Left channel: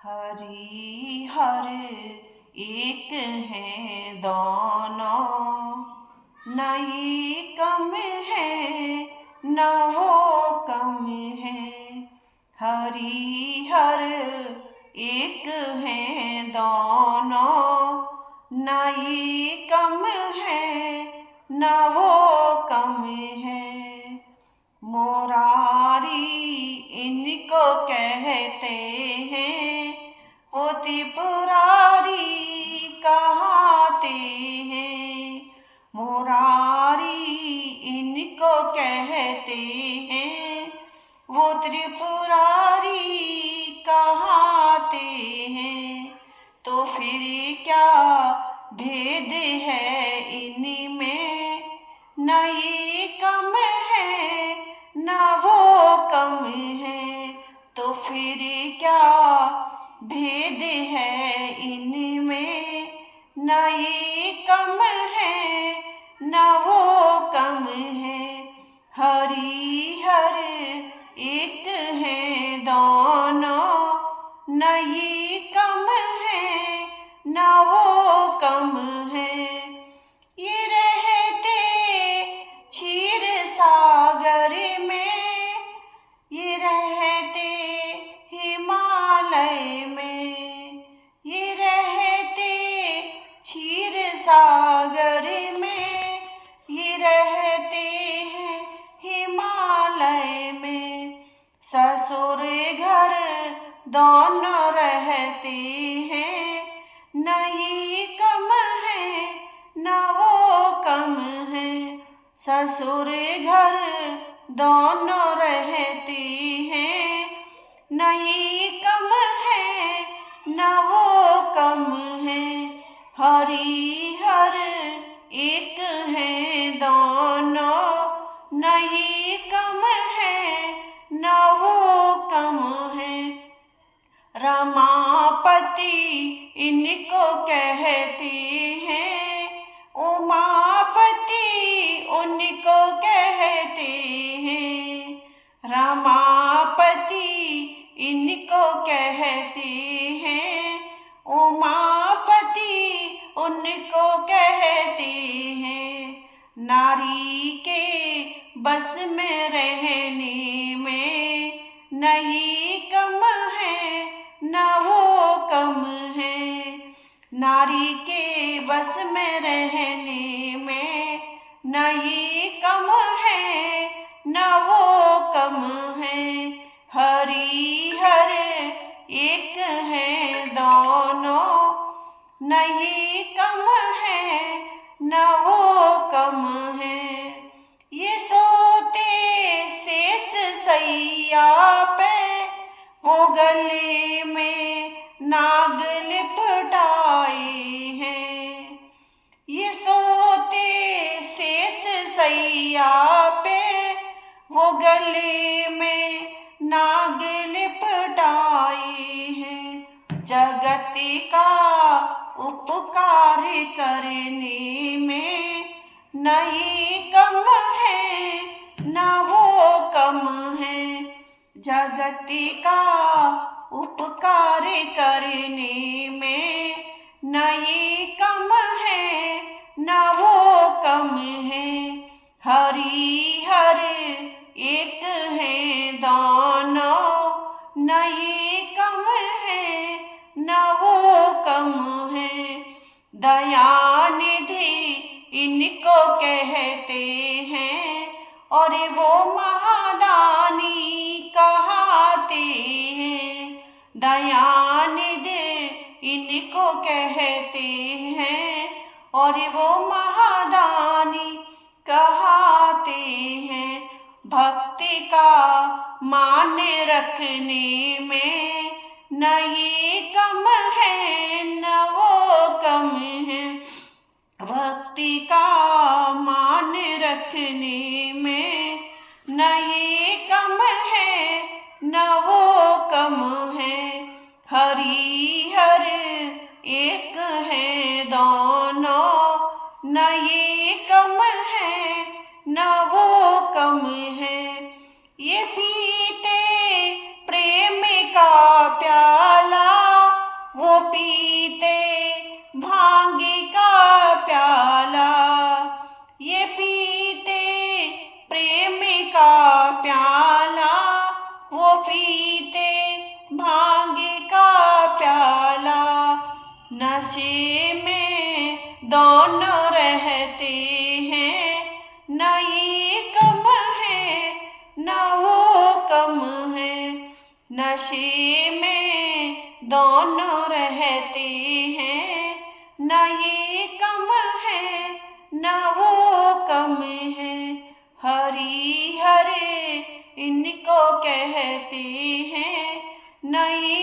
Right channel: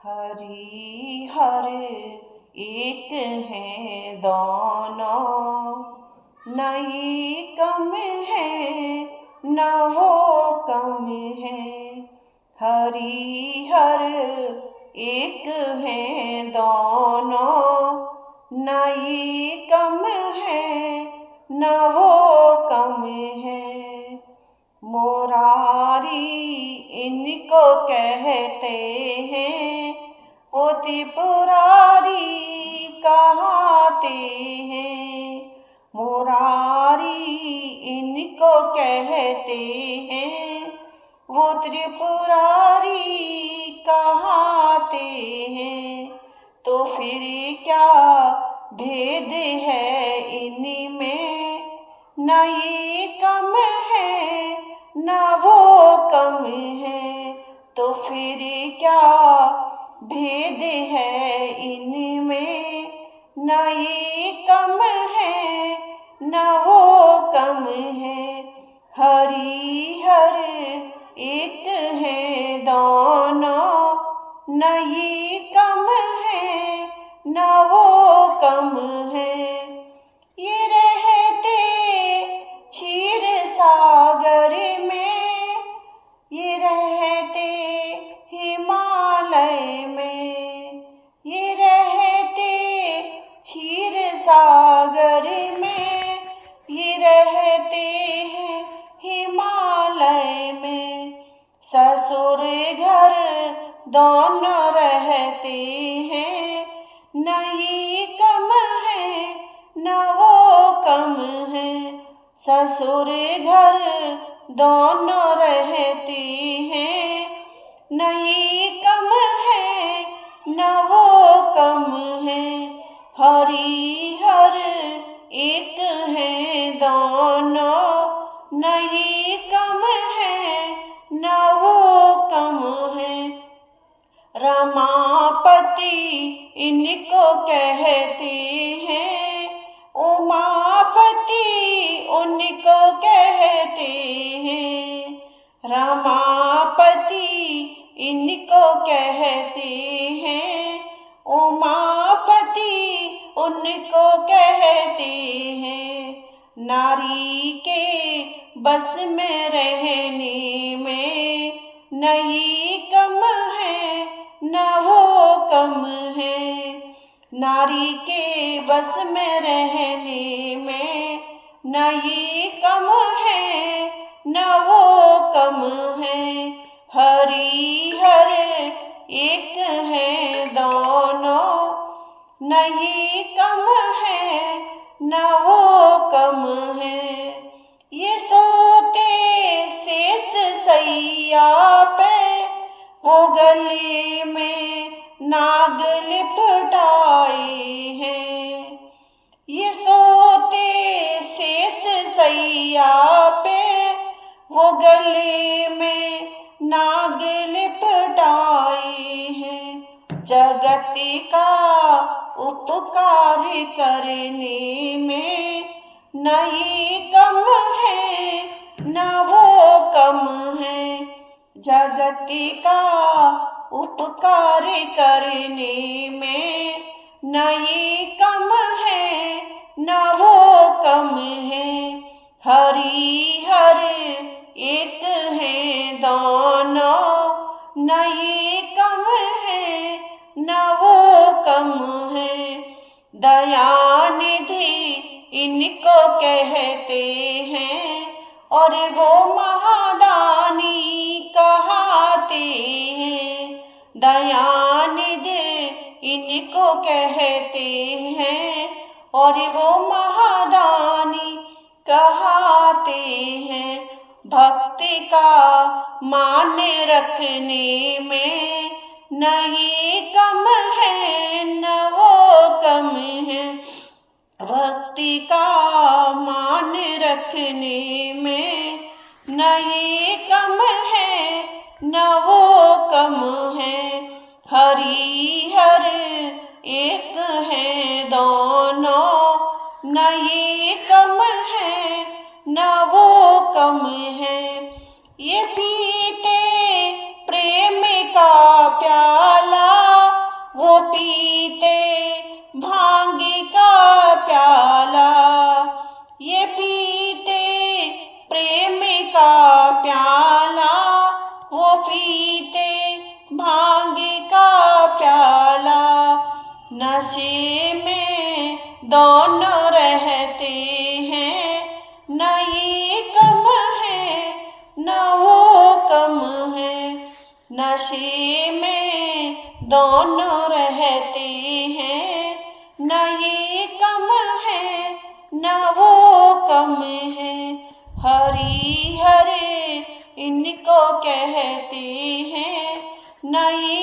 हरि हर एक है दोनों, न ये कम है न वो कम है। हरि हर एक है दोनों, न ये कम है न वो कम है। मुरारी इनको कहते हैं, वो त्रिपुरारी कहाते हैं। मुरारी इनको कहते हैं, वो त्रिपुरारी कहाते हैं। तो फिर क्या भेद है इनमें, न ये कम है न वो कम है। तो फिर क्या भेद है इनमें, न ये कम है न वो कम है। हरि हर एक है दोनों, न ये कम है न वो कम है। ये रहते क्षीर सागर में, ये रहते हिमालय में। ये रहते क्षीर सागर में, ये रहते हैं हिमालय में। ससुर घर दोनों रहते हैं, न ये कम है न वो कम है। ससुर घर दोनों रहते हैं, न ये कम है न वो कम है। हरि हर एक है दोनों, न ये कम है न वो कम है। रमापति इनको कहते हैं, उमापति उनको कहते हैं। रमापति इनको कहते हैं, उमापति उनको कहते हैं। नारी के बस में रहने में, न ये कम है न वो कम है। नारी के बस में रहने में, न ये कम है न वो कम है। हरि हर एक है दोनों, न ये कम है न वो कम है। ये सोते शेष सैया पे, वो गले में नाग लिपटाए हैं। ये सोते शेष सैया पे, वो गले में नाग लिपटाए हैं। जगत का उपकार करने में, न ये कम है न वो कम है। जगत का उपकार करने में, न ये कम है न वो कम है। हरि हर एक है दोनों, न ये कम है न वो कम है। दयानिधि इनको कहते हैं, और वो महादानी कहाते हैं। दयानिधि इनको कहते हैं, और वो महादानी कहाते हैं। भक्ति का मान रखने में, न ये कम है न वो कम है। भक्ति का मान रखने में, न ये कम है न वो कम है। हरि हर एक है दोनों, न ये कम है न वो कम है। ये पीते प्रेम का प्याला, वो पीते भांग का प्याला, ये पीते प्रेम का प्याला, वो पीते भांग का प्याला। नशे में दोनों रहते हैं, न ये कम है न वो कम है। नशे में दोनों रहते हैं, न ये कम है न वो कम है। हरि हरे इनको कहते हैं, न ये